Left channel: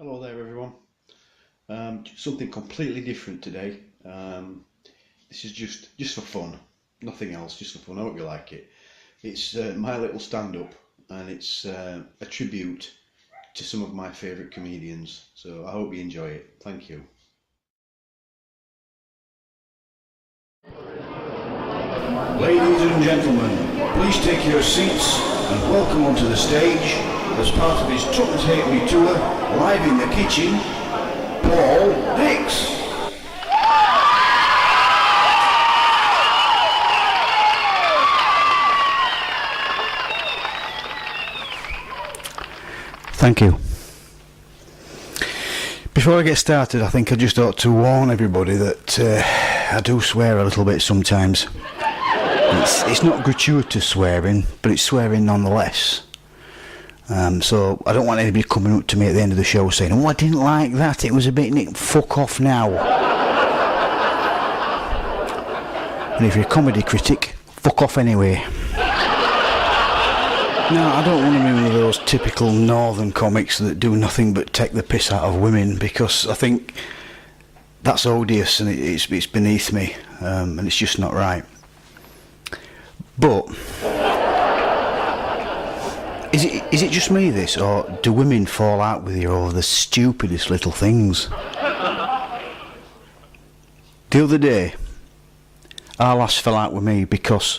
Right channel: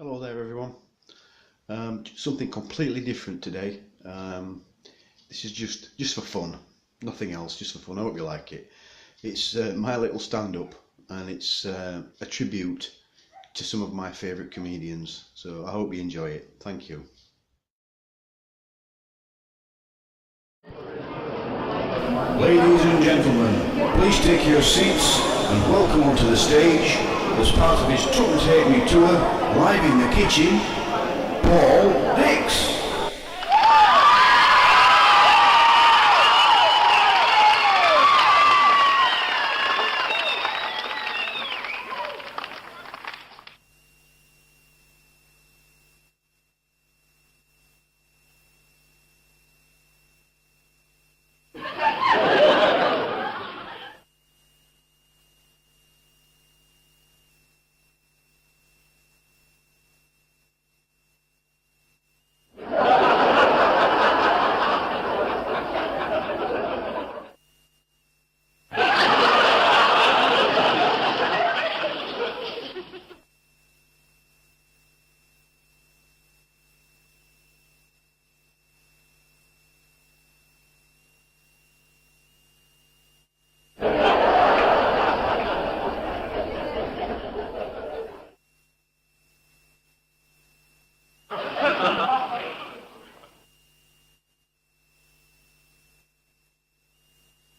Hello there everyone. Something completely different today. This is just for fun, nothing else, just for fun. I hope you like it. It's my little stand-up, and it's a tribute to some of my favourite comedians. So I hope you enjoy it. Thank you. Ladies and gentlemen, please take your seats and welcome onto the stage, as part of his Tottenham Take Me tour, live in the kitchen, Paul Dix. Thank you. Before I get started, I think I just ought to warn everybody that I do swear a little bit sometimes. It's not gratuitous swearing, but it's swearing nonetheless. So I don't want anybody coming up to me at the end of the show saying, "Oh, I didn't like that, it was a bit nick." Fuck off now. And if you're a comedy critic, fuck off anyway. No, I don't want any of those typical northern comics that do nothing but take the piss out of women, because I think that's odious and it's beneath me, and it's just not right. But is it just me this, or do women fall out with you over the stupidest little things? The other day, our lass fell out with me because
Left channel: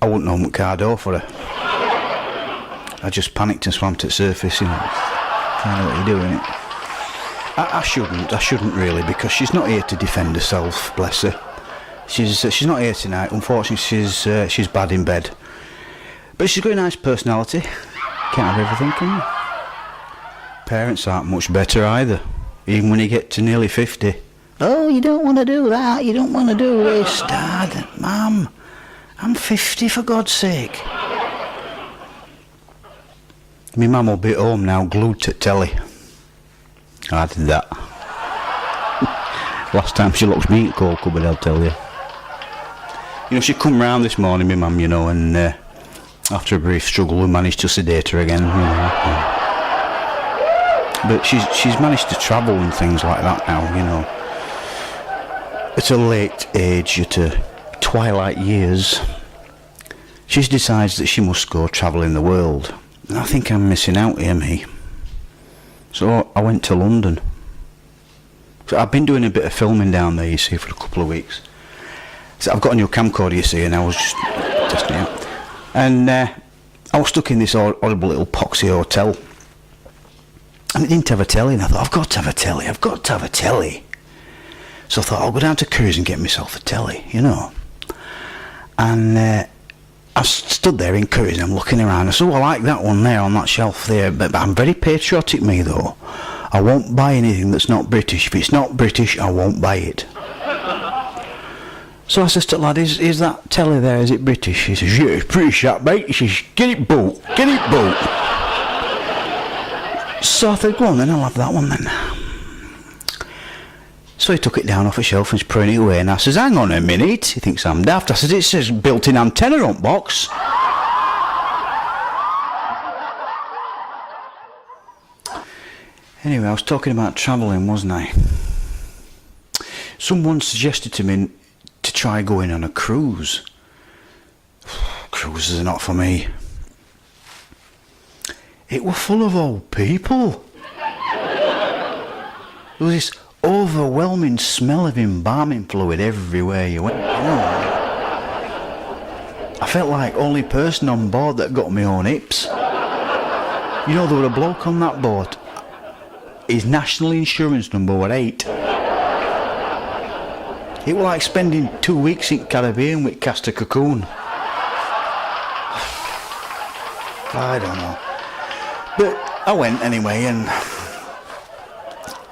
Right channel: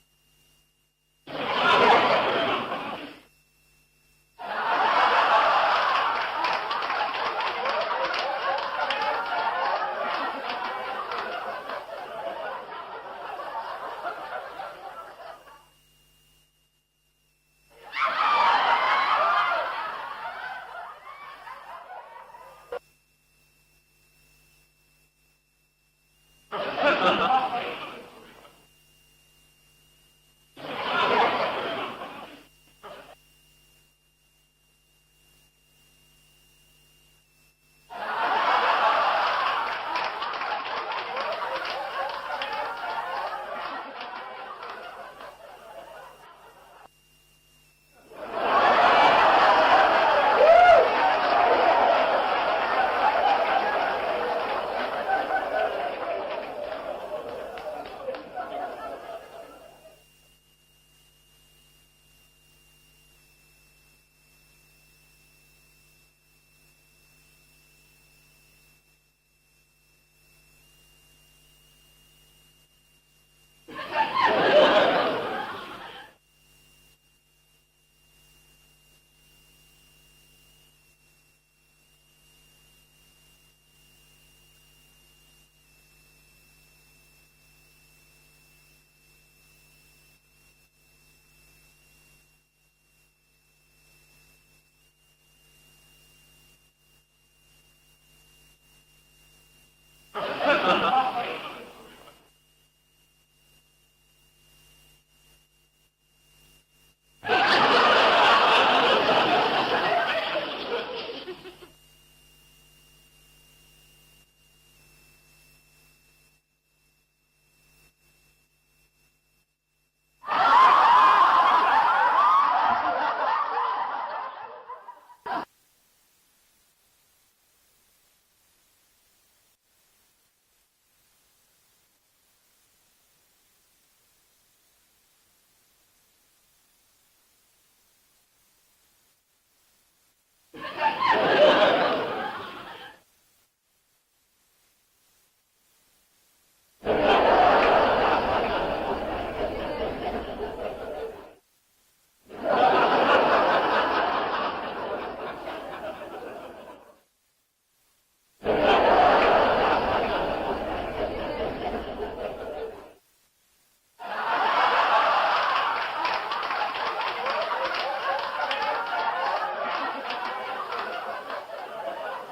I wouldn't know Mercado for her. I just panicked and swam to the surface, you know. I know what you're doing. I shouldn't really, because she's not here to defend herself, bless her. She's not here tonight. Unfortunately, she's bad in bed. But she's got a nice personality. Can't have everything, can you? Parents aren't much better either, even when you get to nearly 50. Oh, you don't want to do that, you don't want to do this, Dad. Mum, I'm 50 for God's sake. My mum will be at home now, glued to telly. I did that. Last time she looked me in the coal cupboard, I'll tell you. You know, she come round this morning, my mum, you know, and after a brief struggle we managed to sedate her again. You know. But she's managed to travel and things like that now, you know. At a late age, at her twilight years, she decides that she must go travelling the world. And I think I'm missing out here, me. So I went to London. So I've been doing a bit of filming down there, you see, for a couple of weeks. So I've got a new camcorder, you see, and I was just testing it out. And I was stuck in this horrible little poxy hotel. And it didn't have a telly, and I thought, I've got to have a telly. So I thought, I'll go down to Curry's and get myself a telly, you know. And I stood there in Curry's and I'm looking around. I said, oh, I like that one there on that shelf there, but I'm very patriotic, me, though. I won't buy anything that's not British. If it's not British, I won't buy it. So I says to the lad, is that telly there, is it British? He says, yeah, it's British, that, mate. He says, get it bought. So I thought, go on then, I'll have that one then. So he took it down off a shelf and he's putting it away, and I says, hang on a minute. He thinks I'm daft. I says, it says built-in antenna on box. Anyway, I was talking about travelling, wasn't I? Someone suggested to me to try going on a cruise. Cruises are not for me. It were full of old people. There was this overwhelming smell of embalming fluid everywhere you went. I felt like only person on board that got my own hips. You know, there were a bloke on that boat. His national insurance number were 8. It was like spending 2 weeks in Caribbean with Castor Cocoon. I don't know. But I went anyway, and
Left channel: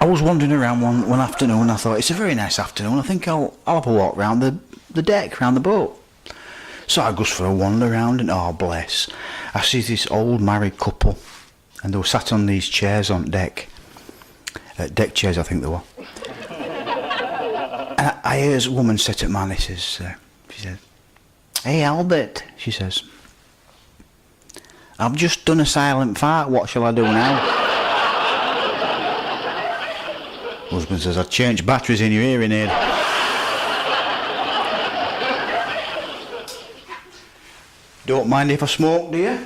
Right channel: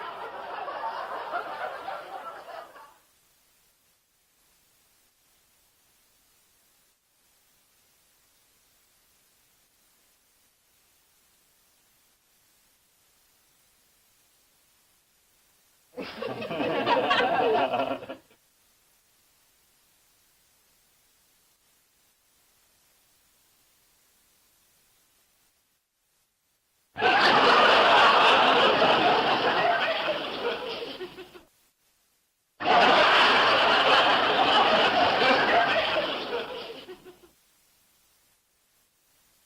I was wandering around one afternoon. I thought, it's a very nice afternoon. I think I'll have a walk round the deck, round the boat. So I goes for a wander round, and oh bless, I see this old married couple, and they were sat on these chairs on deck. Deck chairs, I think they were. And I hear this woman say to man, she says, hey Albert, she says, I've just done a silent fart, what shall I do now? Husband says, I'd change batteries in your hearing aid. Don't mind if I smoke, do you?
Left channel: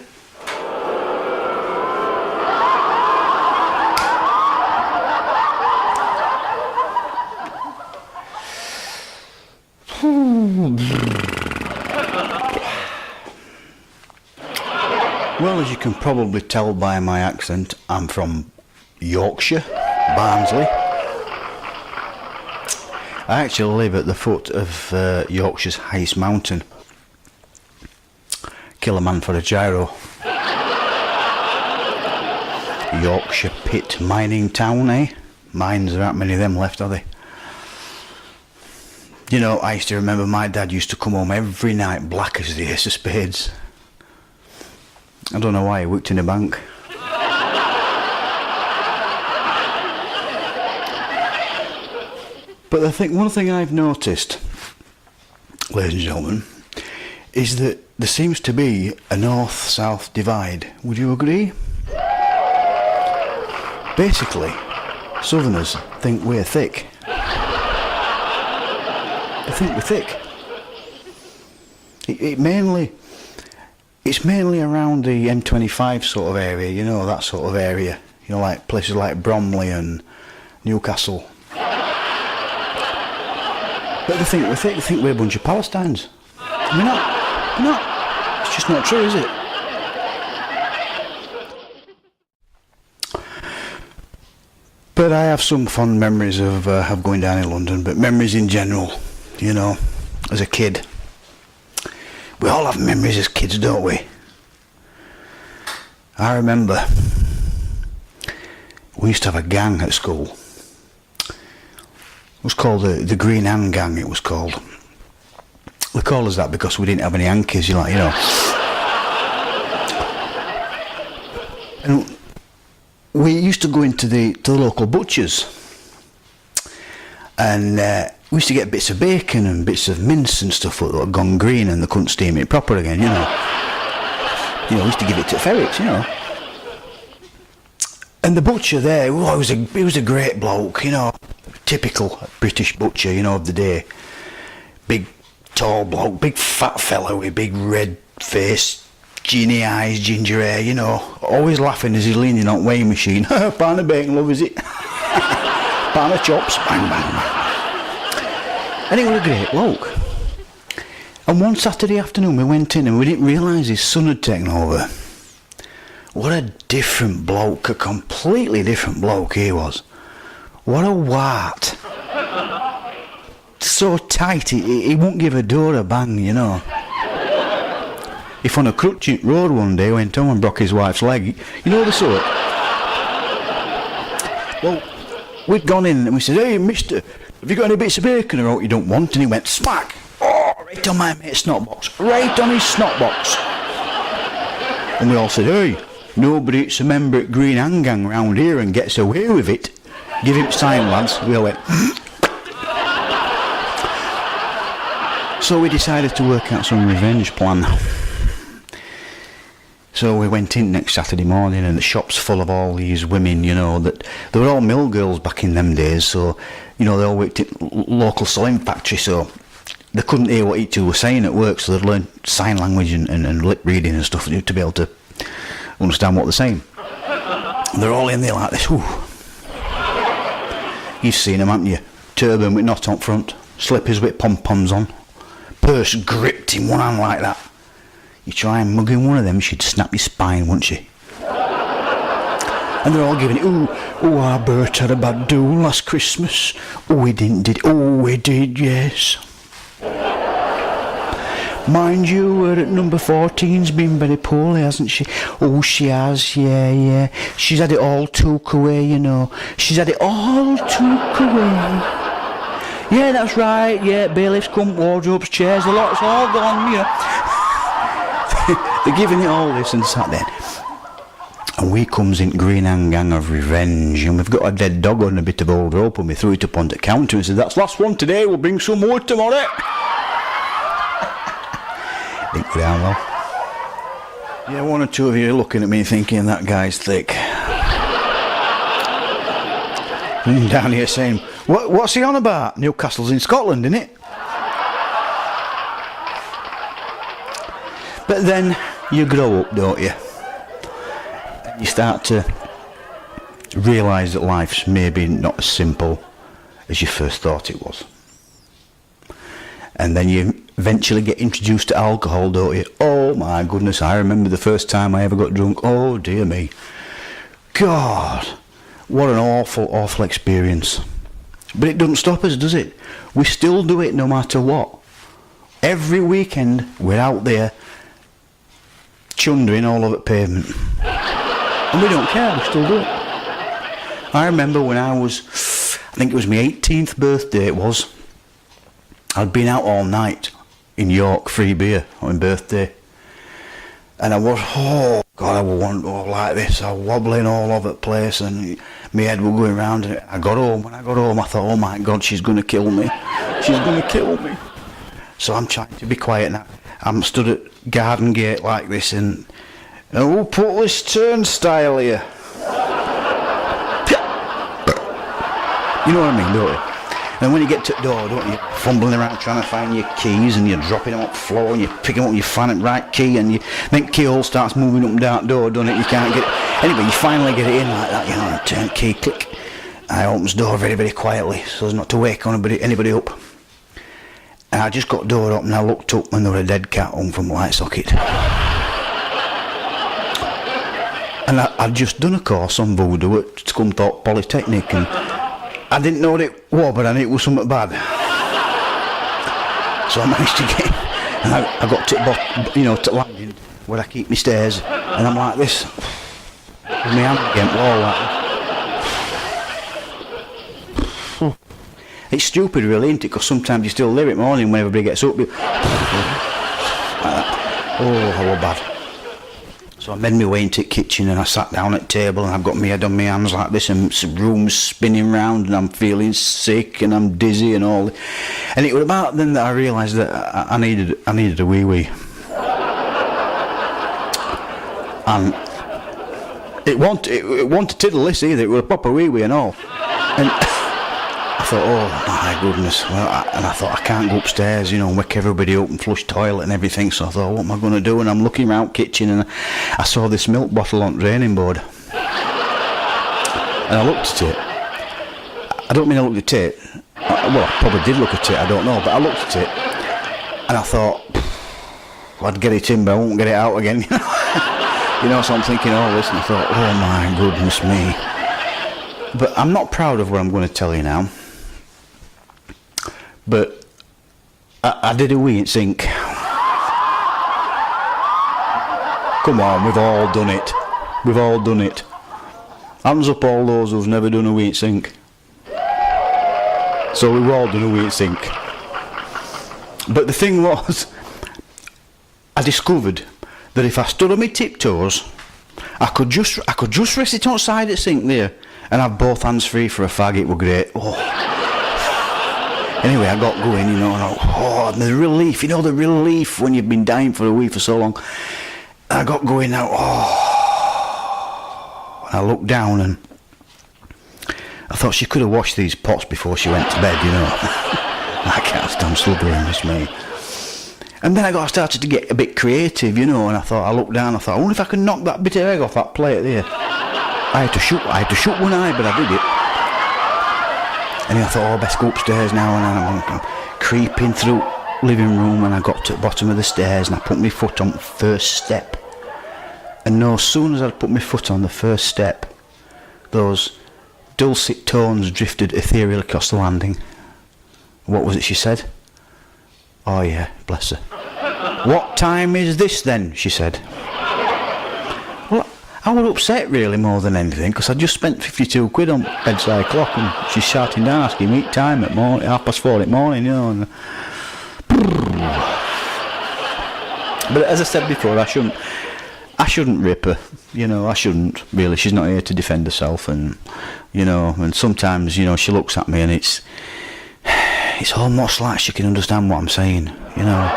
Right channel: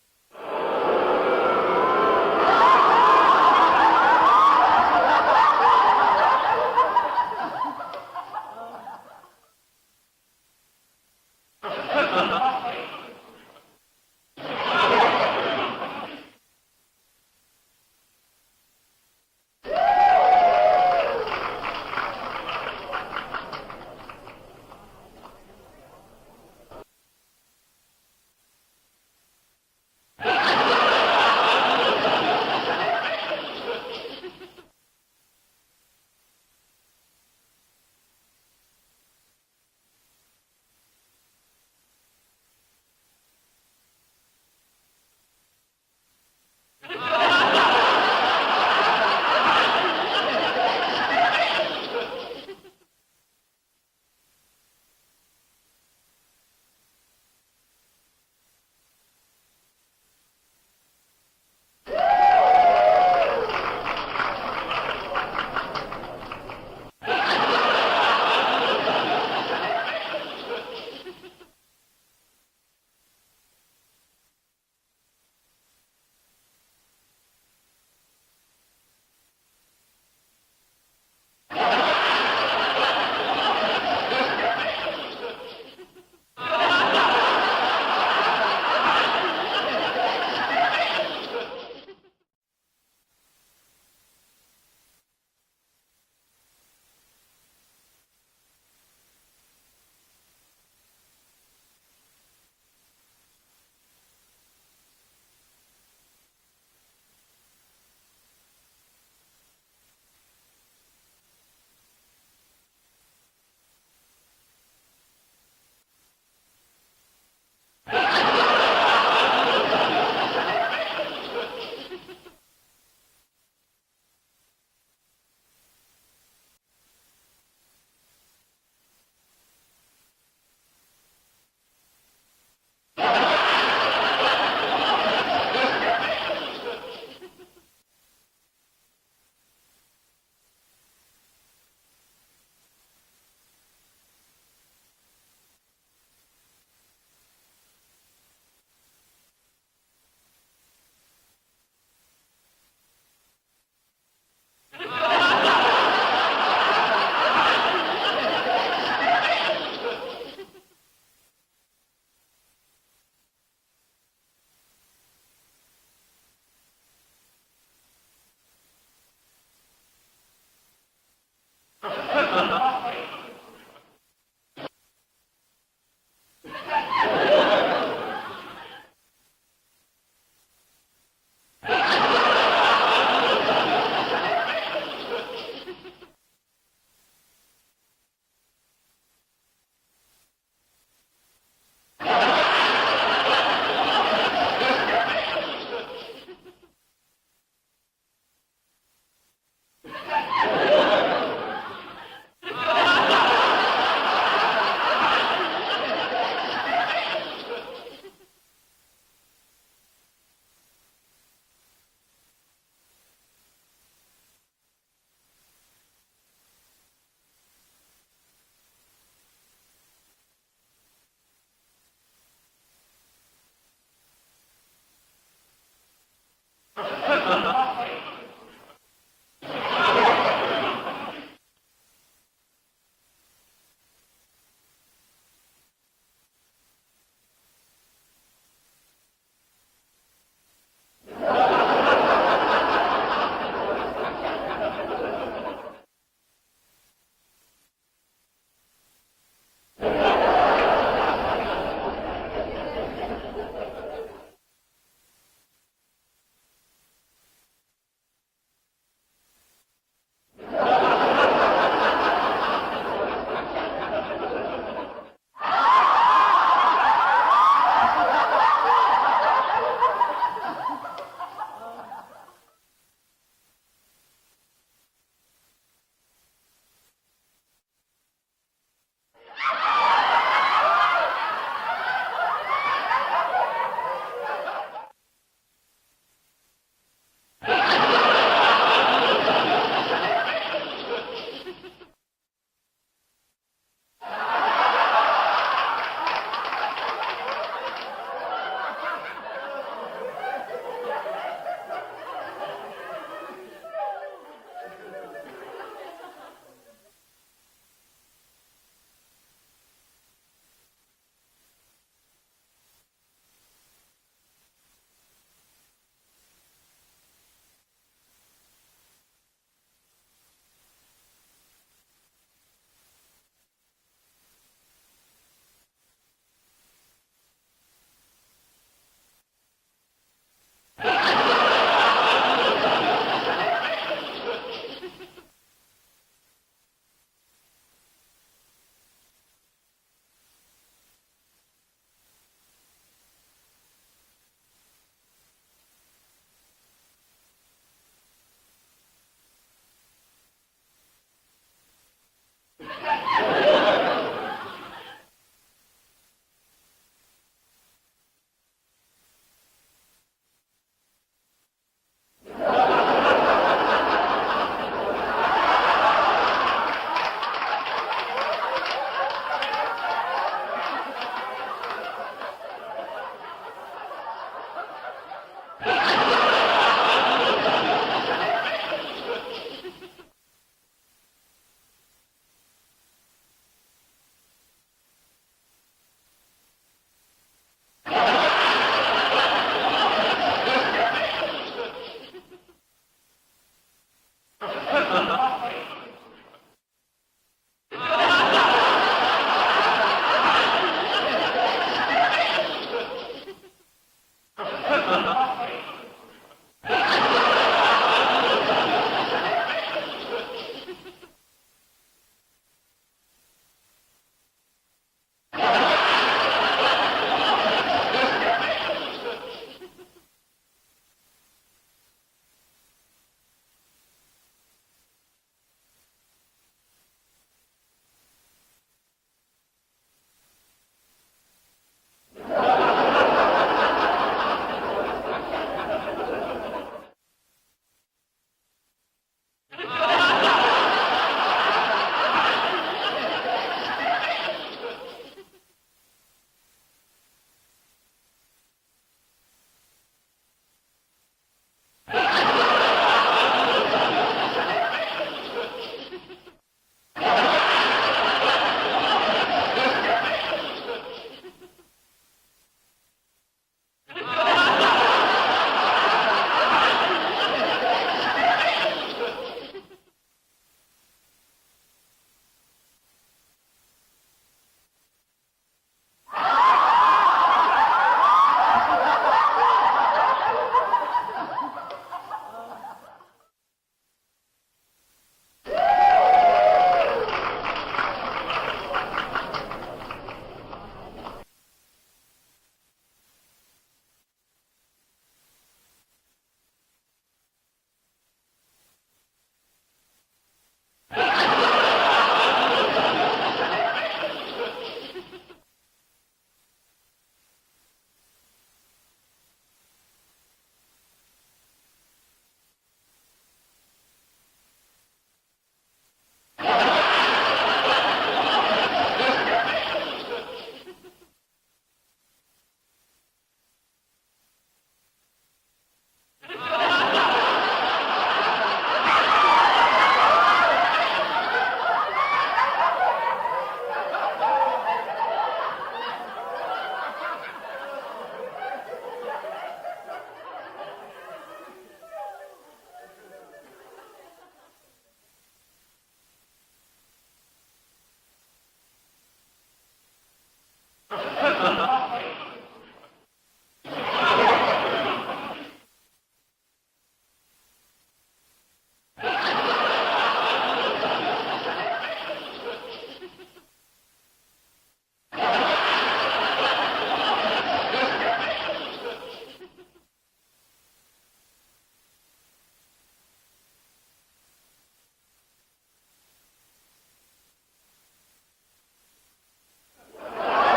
Well, as you can probably tell by my accent, I'm from Yorkshire, Barnsley. I actually live at the foot of Yorkshire's highest mountain. Kill a man for a gyro. Yorkshire pit mining town, eh? Mines, there aren't many of them left, are they? You know, I used to remember my dad used to come home every night black as the ace of spades. I don't know why, he worked in a bank. But one thing I've noticed, ladies and gentlemen, is that there seems to be a north-south divide. Would you agree? Basically, southerners think we're thick. They think we're thick. It's mainly around the M25 sort of area, you know, that sort of area. You know, like places like Bromley and Newcastle. But they think we're a bunch of Palestines. We're not. It's just not true, is it? But I have some fond memories of going down in London, but memories in general, you know, as a kid. We all have memories as kids, don't we? I remember we used to have a gang at school. It was called the Green Hand Gang, it was called. They called us that because we didn't have any hankies, you know. And we used to go into the local butchers, and we used to get bits of bacon and bits of mince and stuff that had gone green and they couldn't steam it proper again, you know. We used to give it to ferrets, you know. And the butcher there, he was a great bloke, you know. Typical British butcher, you know, of the day. Big, tall bloke, big fat fella with big red face, genie eyes, ginger hair, you know. Always laughing as he's leaning on weighing machine. Pound of bacon, love, is it? Pound of chops. And he was a great bloke. And one Saturday afternoon we went in and we didn't realise his son had taken over. What a different bloke, a completely different bloke he was. What a wart. So tight, he won't give a door a bang, you know. If on a Crutching road one day went home and broke his wife's leg, you know the sort. Well, we'd gone in and we said, hey, mister, have you got any bits of bacon or what you don't want? And he went, smack! Oh, right on my mate's snot box. Right on his snot box. And they all said, hey, nobody that's a member at Green Hand Gang round here and gets away with it. Give him sign, lads. We all went, So we decided to work out some revenge plan. So we went in next Saturday morning and the shop's full of all these women, you know, that they were all mill girls back in them days, so, you know, they all worked at local sewing factory, so they couldn't hear what each two were saying at work, so they'd learn sign language and lip reading and stuff to be able to understand what they're saying. They're all in there like this. Ooh. You've seen them, haven't you? Turban with knot on front, slippers with pom-poms on, purse gripped in one hand like that. You try and mug in one of them, she'd snap your spine, wouldn't she? And they're all giving it, oh, our Bert had a bad do last Christmas. Oh, we didn't, did it? Oh, we did, yes. Mind you, at number 14's been very poorly, hasn't she? Oh, she has, yeah. She's had it all took away, you know. She's had it all took away. Yeah, that's right, yeah, bailiffs come, wardrobes, chairs, the lot's all gone, you know. They're giving it all this and sat there. And we comes in Green Hand Gang of revenge, and we've got a dead dog on a bit of old rope, and we threw it up on the counter and said, that's last one today, we'll bring some more tomorrow. Yeah, one or two of you are looking at me thinking that guy's thick. down here saying, what's he on about? Newcastle's in Scotland, isn't it? But then you grow up, don't you? You start to realise that life's maybe not as simple as you first thought it was. And then you eventually get introduced to alcohol, don't you? Oh my goodness, I remember the first time I ever got drunk. Oh dear me. God, what an awful, awful experience. But it doesn't stop us, does it? We still do it no matter what. Every weekend we're out there chundering all over the pavement. And we don't care, we still do it. I remember when I think it was my 18th birthday it was. I'd been out all night in York, free beer on my birthday. And I was, oh God, I was like this. I was wobbling all over the place and my head was going round. And I got home. When I got home, I thought, oh my God, she's going to kill me. She's going to kill me. So I'm trying to be quiet now. I'm stood at Garden Gate like this and who put this turnstile here? You know what I mean, don't you? And when you get to the door, don't you, fumbling around trying to find your keys and you're dropping them on the floor and you're picking up and you find the right key and then keyhole starts moving up and down the door, don't it? You can't get anyway, you finally get it in like that, you know, turn key, click. I open the door very, very quietly so as not to wake anybody up. And I just got the door up and I looked up and there was a dead cat hung from the light socket. And I'd just done a course on voodoo at Scunthorpe Polytechnic and I didn't know what it was, but I knew it was something bad. So I managed to get, and I got to the bottom, you know, to landing where I keep my stairs, and I'm like this, with my hand against the wall like. It's stupid really, isn't it? Because sometimes you still live it morning when everybody gets up. Oh, how bad. So I made my way into the kitchen and I sat down at the table and I've got my head on my hands like this and some room's spinning round and I'm feeling sick and I'm dizzy and all. And it was about then that I realised that I needed a wee-wee. And it wanted tiddle this either, it was a proper wee-wee and all. And I thought, oh my goodness, and I thought I can't go upstairs, you know, and wake everybody up and flush toilet and everything, so I thought, what am I going to do? And I'm looking around the kitchen and I saw this milk bottle on the draining board. And I looked at it. I don't mean I looked at it, well, I probably did look at it, I don't know, but I looked at it and I thought, well, I'd get it in but I won't get it out again. You know, so I'm thinking all this and I thought, oh my goodness me. But I'm not proud of what I'm going to tell you now. But I did a wee in sync. Come on, we've all done it. We've all done it. Hands up all those who've never done a wee in sync. So we've all done a wee in sync. But the thing was, I discovered that if I stood on my tiptoes, I could just rest it outside the sink there and have both hands free for a fag. It were great. Oh. Anyway, I got going, you know, and the relief, you know, the relief when you've been dying for a week for so long. And I got going now, and I looked down and I thought she could have washed these pots before she went to bed, you know. I can't stand still doing this, mate. And then I started to get a bit creative, you know, and I looked down, I thought, I wonder if I can knock that bit of egg off that plate there. I had to shut one eye, but I did it. And I thought, oh, I best go upstairs now, and I'm creeping through the living room, and I got to the bottom of the stairs, and I put my foot on the first step. And no sooner as I put my foot on the first step, those dulcet tones drifted ethereal across the landing. What was it she said? Oh yeah, bless her. What time is this then? She said. Well, I was upset really more than anything because I just spent 52 quid on bedside clock and she's shouting down asking me time at 4:30 in the morning, you know. And but as I said before, I shouldn't rip her, you know. I shouldn't really. She's not here to defend herself, and you know. And sometimes, you know, she looks at me and it's almost like she can understand what I'm saying, you know.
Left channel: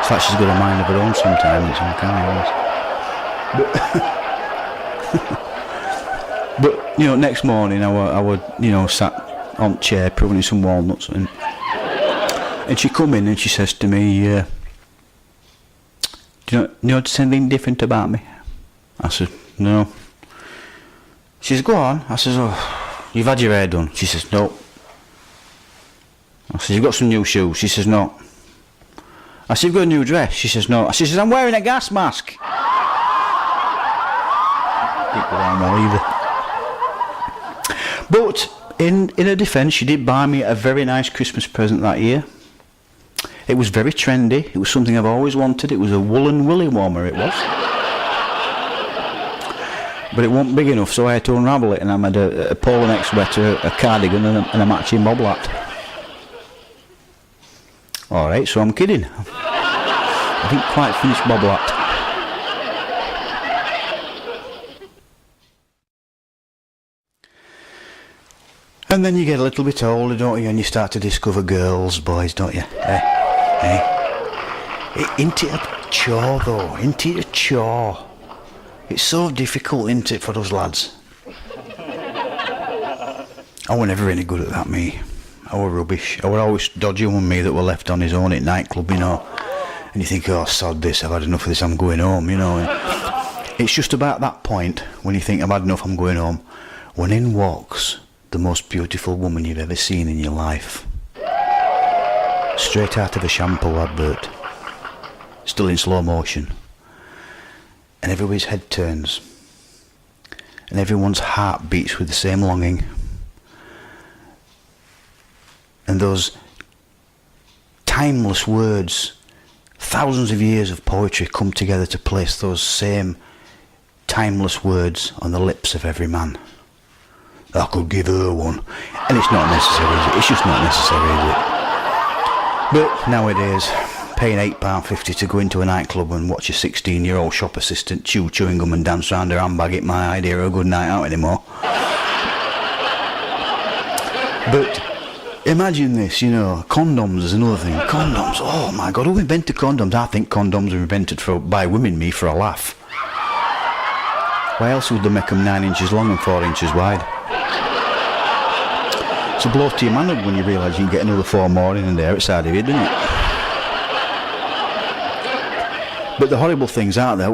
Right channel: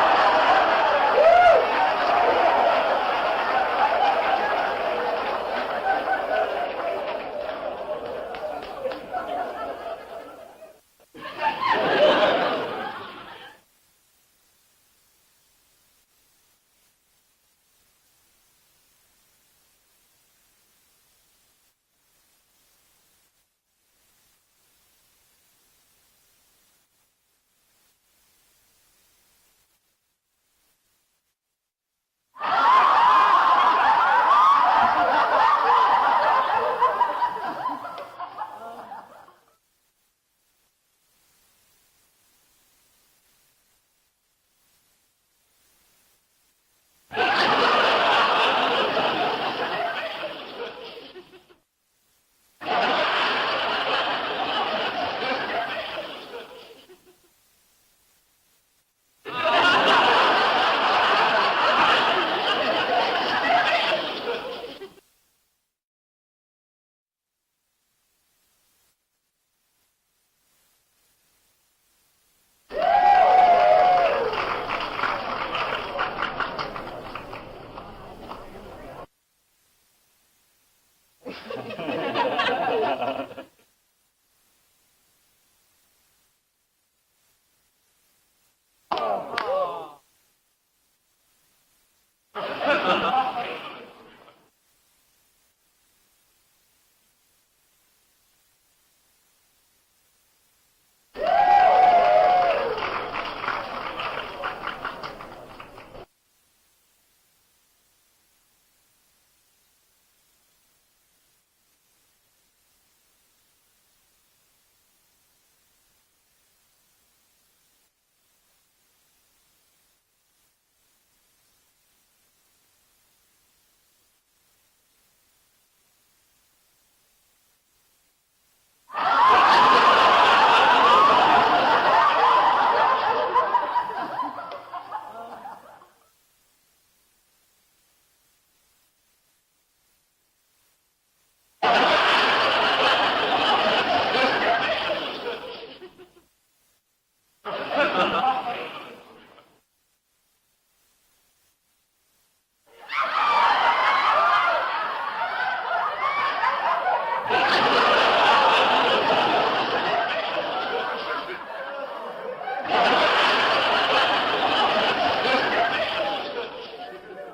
It's like she's got a mind of her own sometimes. But, next morning I would, sat on the chair pruning some walnuts, and she come in and she says to me, do you notice anything different about me? I said, no. She says, go on. I says, oh, you've had your hair done. She says, no. I says, you've got some new shoes. She says, no. I said, you've got a new dress. She says, no. She says, I'm wearing a gas mask. But in her defence, she did buy me a very nice Christmas present that year. It was very trendy. It was something I've always wanted. It was a woolen willy warmer, it was. But it wasn't big enough, so I had to unravel it, and I made a polo neck sweater, a cardigan, and a matching mob hat. Alright, so I'm kidding. I didn't quite finish mob hat. And then you get a little bit older, don't you, and you start to discover girls, boys, don't you? Isn't it a chore, though? Isn't it a chore? It's so difficult, isn't it, for us lads? I were never any good at that, me. I were rubbish. I were always dodging one me that were left on his own at nightclub, And you think, oh, sod this, I've had enough of this, I'm going home, It's just about that point, when you think, I've had enough, I'm going home, when in walks the most beautiful woman you've ever seen in your life. Straight out of a shampoo advert. Still in slow motion. And everybody's head turns. And everyone's heart beats with the same longing. And those timeless words, thousands of years of poetry come together to place those same timeless words on the lips of every man. I could give her one. And it's not necessary, is it? It's just not necessary, is it? But nowadays, paying £8.50 to go into a nightclub and watch a 16-year-old shop assistant chew chewing gum and dance round her handbag ain't my idea of a good night out anymore. But imagine this, condoms is another thing. Condoms, oh my God, who invented condoms? I think condoms were invented by women, me, for a laugh. Why else would they make them 9 inches long and 4 inches wide? It's a blow to your manhood when you realise you can get another 4 more in there outside of you, doesn't it? But the horrible things out there,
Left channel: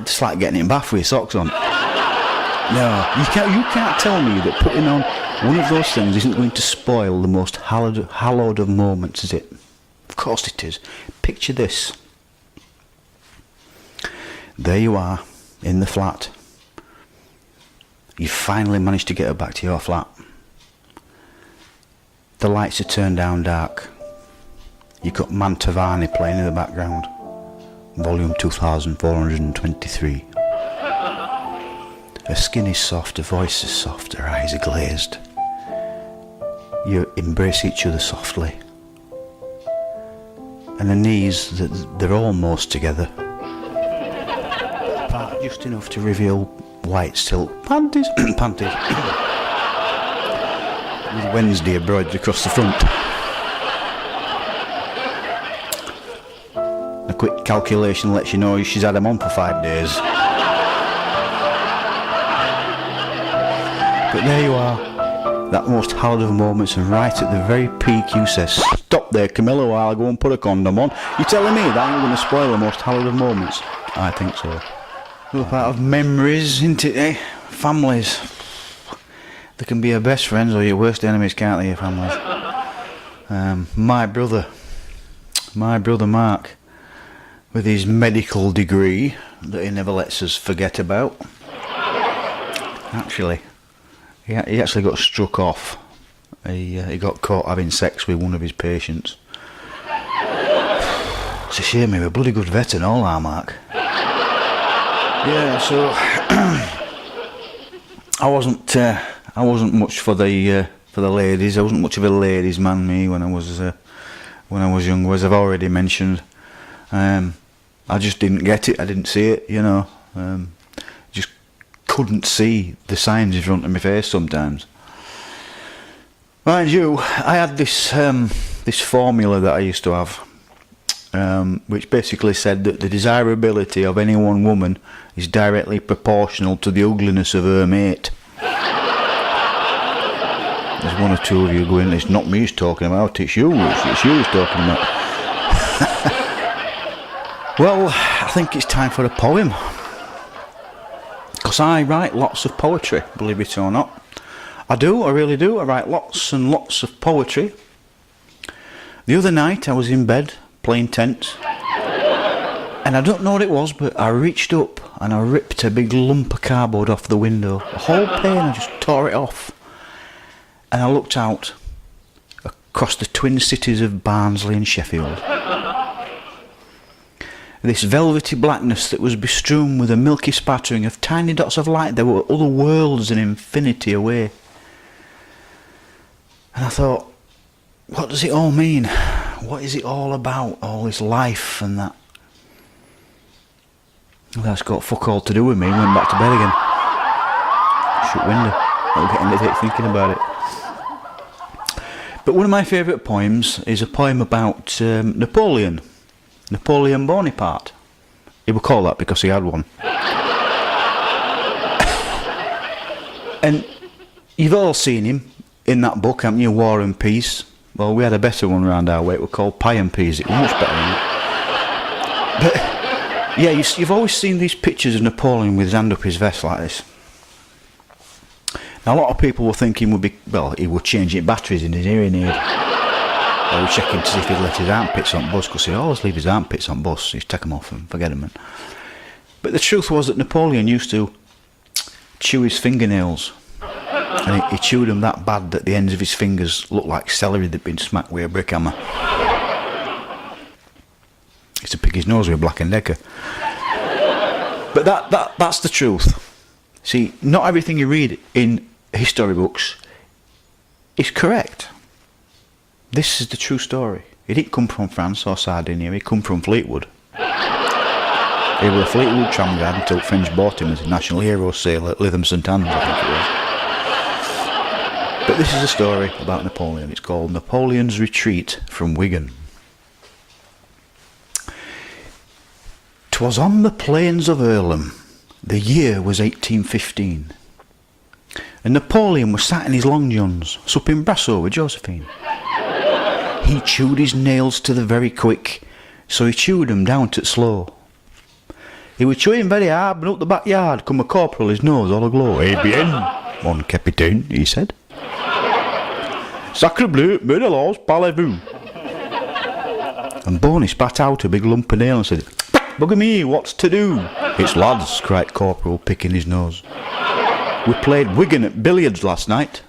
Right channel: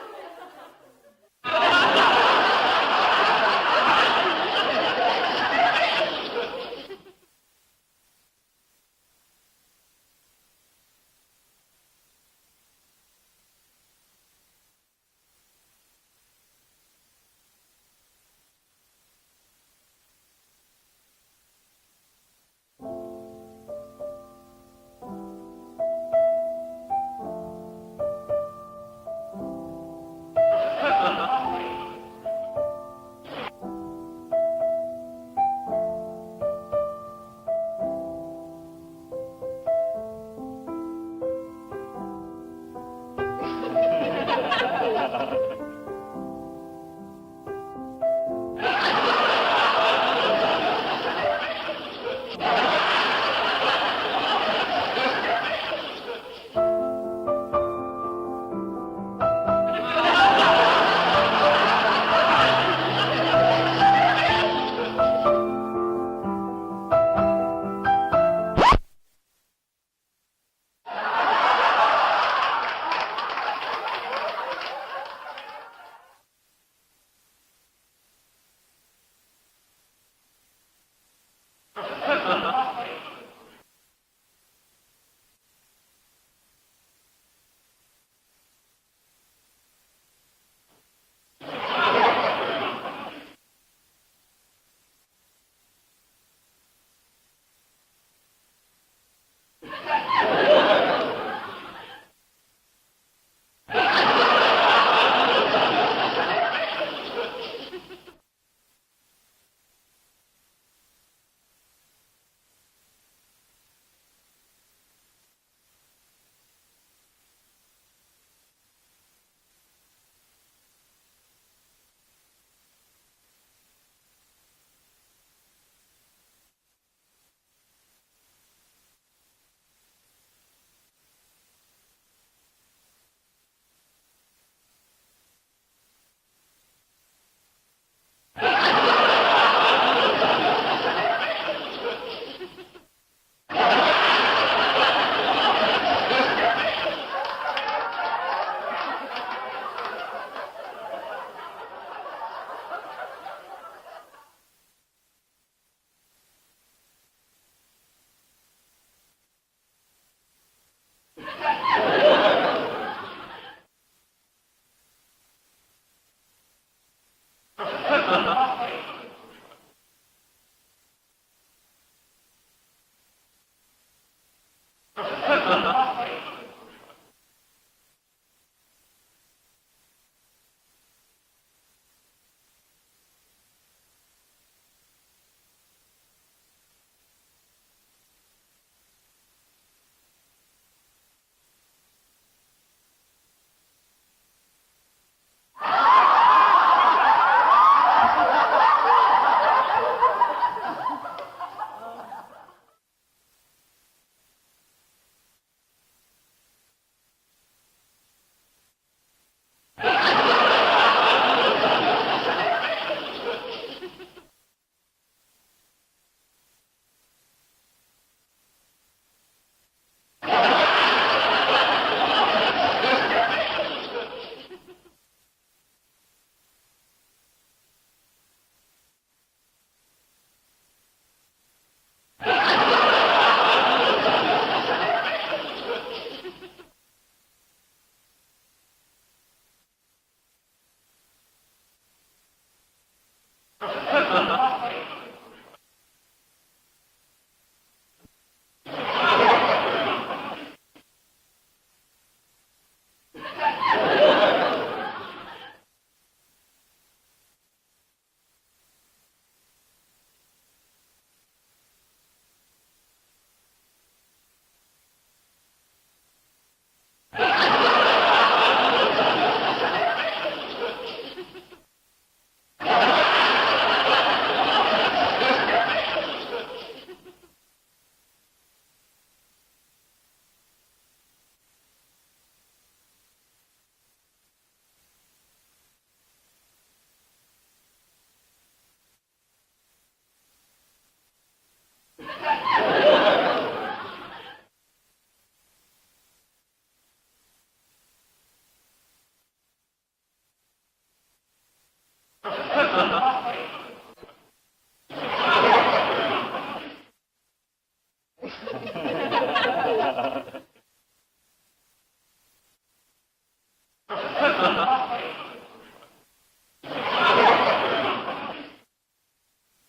it's like getting in bath with your socks on. No, you can't tell me that putting on one of those things isn't going to spoil the most hallowed of moments, is it? Of course it is. Picture this. There you are, in the flat. You finally managed to get her back to your flat. The lights are turned down dark. You've got Mantovani playing in the background. Volume 2423. Her skin is soft, her voice is soft, her eyes are glazed. You embrace each other softly. And her knees, they're almost together. Just enough to reveal white silk panties. Panties. With Wednesday embroidered across the front. A quick calculation lets you know she's had them on for 5 days. But there you are, that most hallowed of moments, and right at the very peak you say, stop there Camilla, while I go and put a condom on. You're telling me that I'm going to spoil the most hallowed of moments? I think so. We're part of memories, isn't it, eh? Families. They can be your best friends or your worst enemies, can't they, your families? My brother Mark, with his medical degree that he never lets us forget about. Actually, he actually got struck off. He got caught having sex with one of his patients. It's a shame, he was a bloody good vet and all, our Mark. Yeah, so I wasn't much for the ladies. I wasn't much of a ladies' man, me, when I was younger, as I've already mentioned. I just didn't get it. I didn't see it. Just couldn't see the signs in front of my face sometimes. Mind you, I had this formula that I used to have, which basically said that the desirability of any one woman is directly proportional to the ugliness of her mate. one or two of you going, it's not me he's talking about, it's you he's talking about. Well, I think it's time for a poem. Because I write lots of poetry, believe it or not. I do, I really do. I write lots and lots of poetry. The other night I was in bed playing tennis. And I don't know what it was, but I reached up and I ripped a big lump of cardboard off the window. A whole pane, I just tore it off. And I looked out across the twin cities of Barnsley and Sheffield. This velvety blackness that was bestrewn with a milky spattering of tiny dots of light. There were other worlds and infinity away. And I thought, what does it all mean? What is it all about, all this life and that? Well, that's got fuck all to do with me. Went back to bed again. Shut window. I'll get into it thinking about it. But one of my favourite poems is a poem about Napoleon Bonaparte. He would call that because he had one. And you've all seen him in that book, haven't you, War and Peace? Well, we had a better one round our way. It was called Pie and Peas. It was much better. But yeah, you've always seen these pictures of Napoleon with his hand up his vest like this. Now, a lot of people were thinking he would change batteries in his hearing aid. They were checking to see if he'd left his armpits on bus, because he always leave his armpits on bus. He'd take them off and forget them. But the truth was that Napoleon used to chew his fingernails. And he chewed them that bad that the ends of his fingers looked like celery that'd been smacked with a brick hammer. He used to pick his nose with a Black & Decker. But that's the truth. See, not everything you read in history books is correct. This is the true story. He didn't come from France or Sardinia, he come from Fleetwood. He was a Fleetwood tramway until French bought him as a national hero sale at Lytham St Andrews, I think it was. But this is a story about Napoleon. It's called Napoleon's Retreat from Wigan. 'Twas on the plains of Earlham. The year was 1815. And Napoleon was sat in his long johns, supping brasso with Josephine. He chewed his nails to the very quick, so he chewed 'em down to slow. He was chewing very hard, but up the backyard come a corporal, his nose all aglow. "Eh bien, mon capitaine," he said. "Sacre bleu, menelaus, parlez-vous." And Boney spat out a big lump of nail and said, "Bugger me, what's to do?" "It's lads," cried Corporal, picking his nose. "We played Wigan at billiards last night,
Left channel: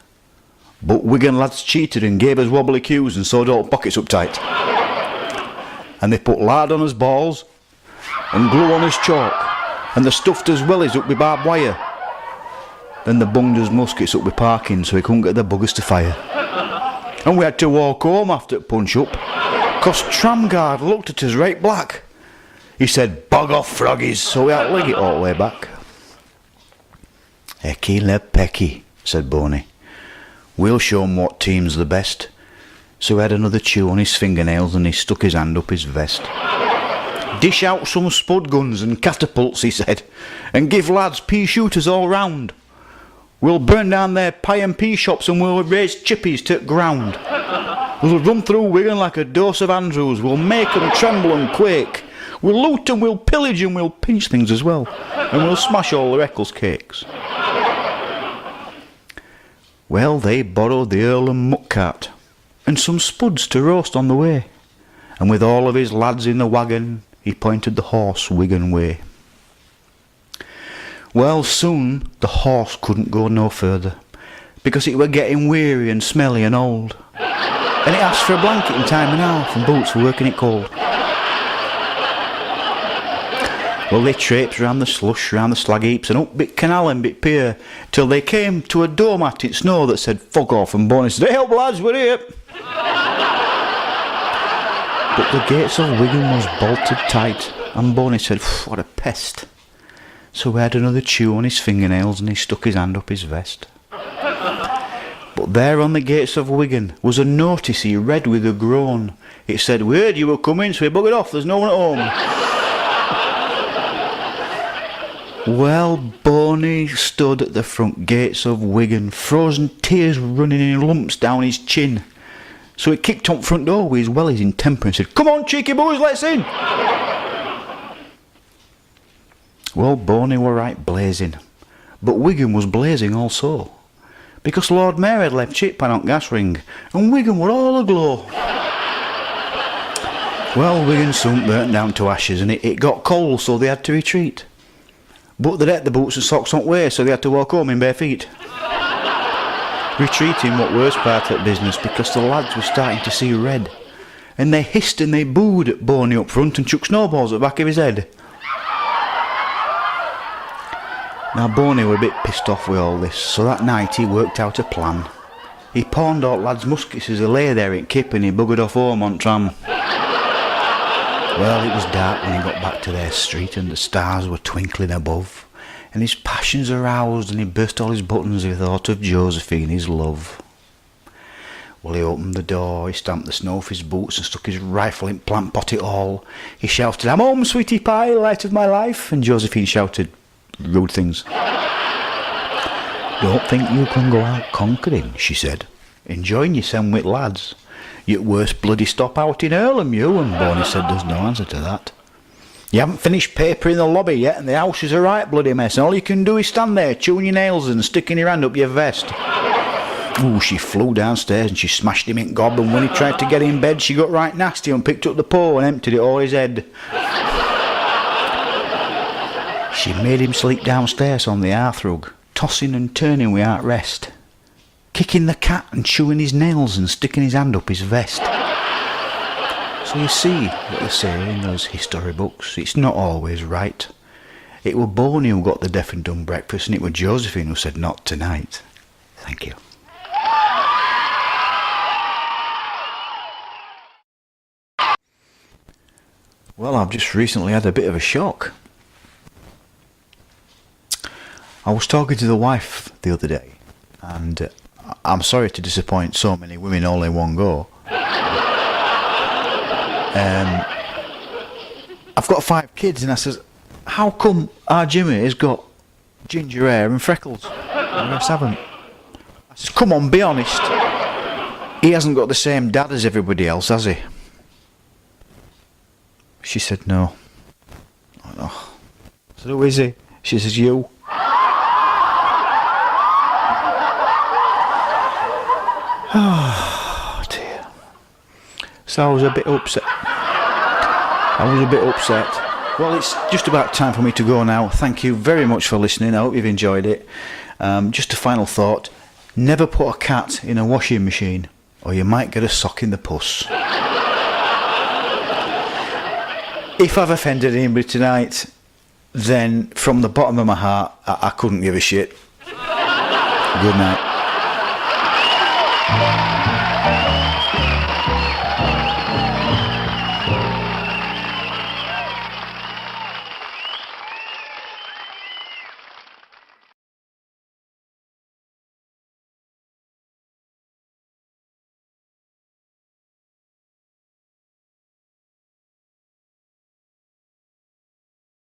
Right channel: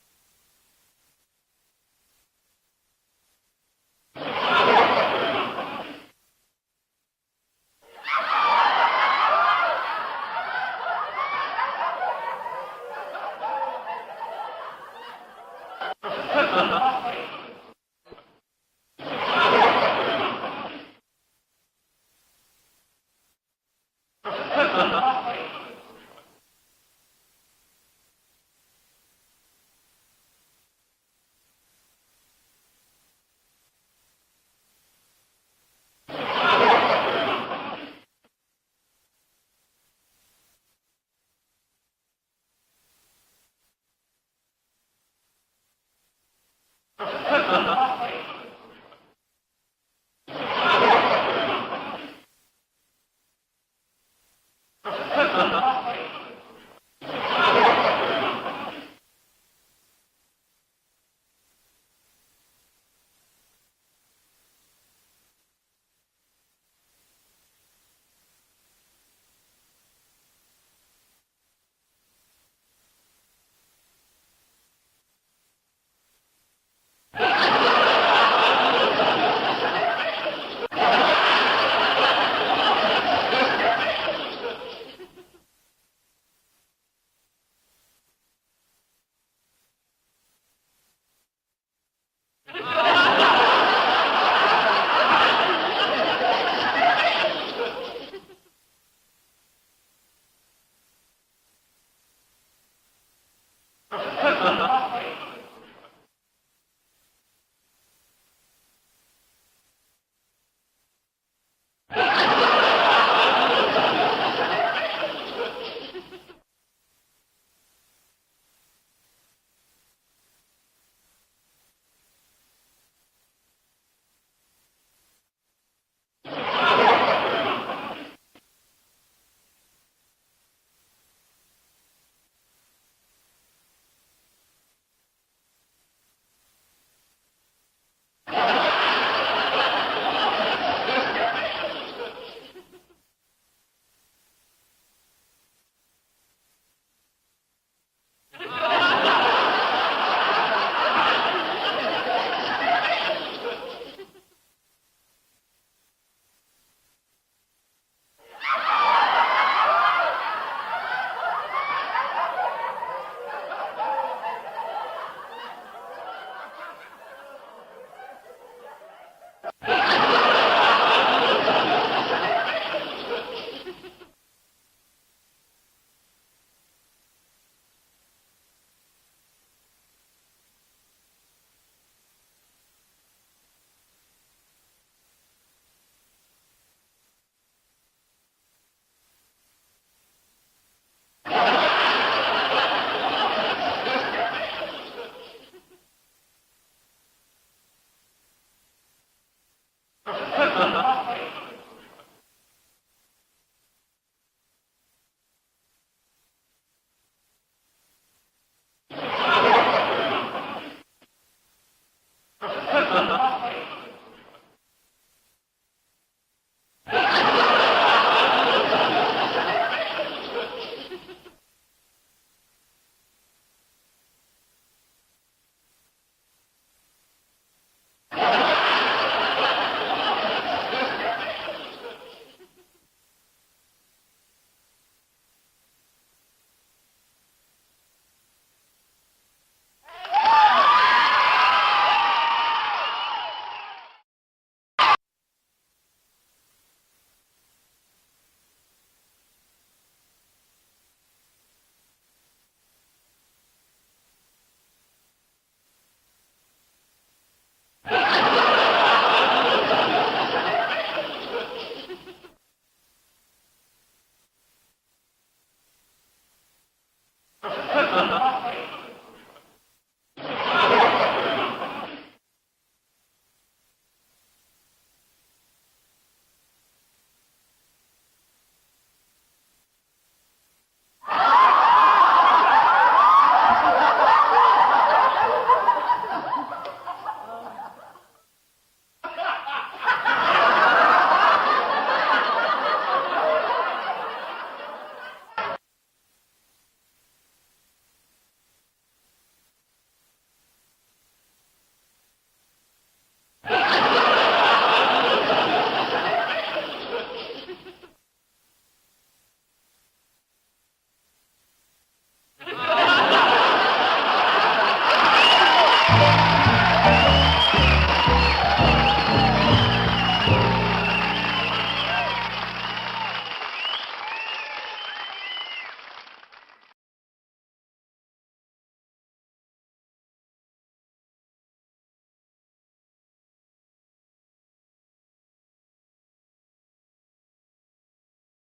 but Wigan lads cheated and gave us wobbly cues and sewed all pockets up tight. And they put lard on us balls and glue on us chalk, and they stuffed us wellies up with barbed wire. Then they bunged us muskets up with parking so we couldn't get the buggers to fire. And we had to walk home after punch up, 'cause Tramguard looked at us right black. He said, 'Bog off, froggies,' so we had to leg it all the way back." "Ecky le pecky," said Boney. "We'll show 'em what team's the best." So he had another chew on his fingernails and he stuck his hand up his vest. "Dish out some spud guns and catapults," he said, "and give lads pea shooters all round. We'll burn down their pie and pea shops and we'll raise chippies to the ground. We'll run through Wigan like a dose of Andrews. We'll make 'em tremble and quake. We'll loot and we'll pillage and we'll pinch things as well. And we'll smash all the Eccles cakes." Well, they borrowed the Earlham muck cart and some spuds to roast on the way. And with all of his lads in the wagon, he pointed the horse Wigan way. Well, soon the horse couldn't go no further, because it were getting weary and smelly and old. And it asked for a blanket in time and half and boots for working it cold. Well, they traipsed round the slush, round the slag heaps, and up bit canal and bit pier, till they came to a doormat in snow that said "Fuck off," and Boney said, "Hey up lads, we're here." But the gates of Wigan was bolted tight, and Boney said, "What a pest." So he had another chew on his fingernails and he stuck his hand up his vest. But there on the gates of Wigan was a notice he read with a groan. It said, "We heard you were coming, so we buggered off, there's no one at home." Well, Boney stood at the front gates of Wigan, frozen tears running in lumps down his chin. So he kicked on front door with his wellies in temper and said, "Come on, cheeky boys, let's in." Well, Boney were right blazing, but Wigan was blazing also, because Lord Mayor had left Chip on gas ring, and Wigan were all aglow. Well, Wigan soon burnt down to ashes, and it got cold, so they had to retreat. But they'd had the boots and socks on way, so they had to walk home in bare feet. Retreating what worse part of the business, because the lads were starting to see red, and they hissed and they booed at Boney up front and chucked snowballs at the back of his head. Now Boney were a bit pissed off with all this, so that night he worked out a plan. He pawned all lads' muskets as they lay there in Kip, and he buggered off home on tram. Well, it was dark when he got back to their street, and the stars were twinkling above, and his passions aroused, and he burst all his buttons as he thought of Josephine, his love. Well, he opened the door, he stamped the snow off his boots and stuck his rifle in plant pot it all. He shouted, "I'm home, sweetie pie, light of my life," and Josephine shouted rude things. "Don't think you can go out conquering," she said, "enjoying yourself with lads. You're worst bloody stop out in Earlham, you," and Boney said there's no answer to that. "You haven't finished paper in the lobby yet, and the house is a right bloody mess, and all you can do is stand there chewing your nails and sticking your hand up your vest." Ooh, she flew downstairs and she smashed him in gob, and when he tried to get in bed she got right nasty and picked up the paw and emptied it all his head. She made him sleep downstairs on the hearthrug, tossing and turning without rest, kicking the cat and chewing his nails and sticking his hand up his vest. So you see what they say in those history books, it's not always right. It were Boney who got the deaf and dumb breakfast, and it were Josephine who said not tonight. Thank you. Well, I've just recently had a bit of a shock. I was talking to the wife the other day, and I'm sorry to disappoint so many women all in one go. I've got 5 kids, and I says, "How come our Jimmy has got ginger hair and freckles? And I haven't." I says, "Come on, be honest. He hasn't got the same dad as everybody else, has he?" She said, "No." I know. I said, "Who is he?" She says, "You." Oh dear. So I was a bit upset. Well, it's just about time for me to go now. Thank you very much for listening. I hope you've enjoyed it. Just a final thought. Never put a cat in a washing machine, or you might get a sock in the puss. If I've offended anybody tonight, then from the bottom of my heart, I couldn't give a shit. Good night.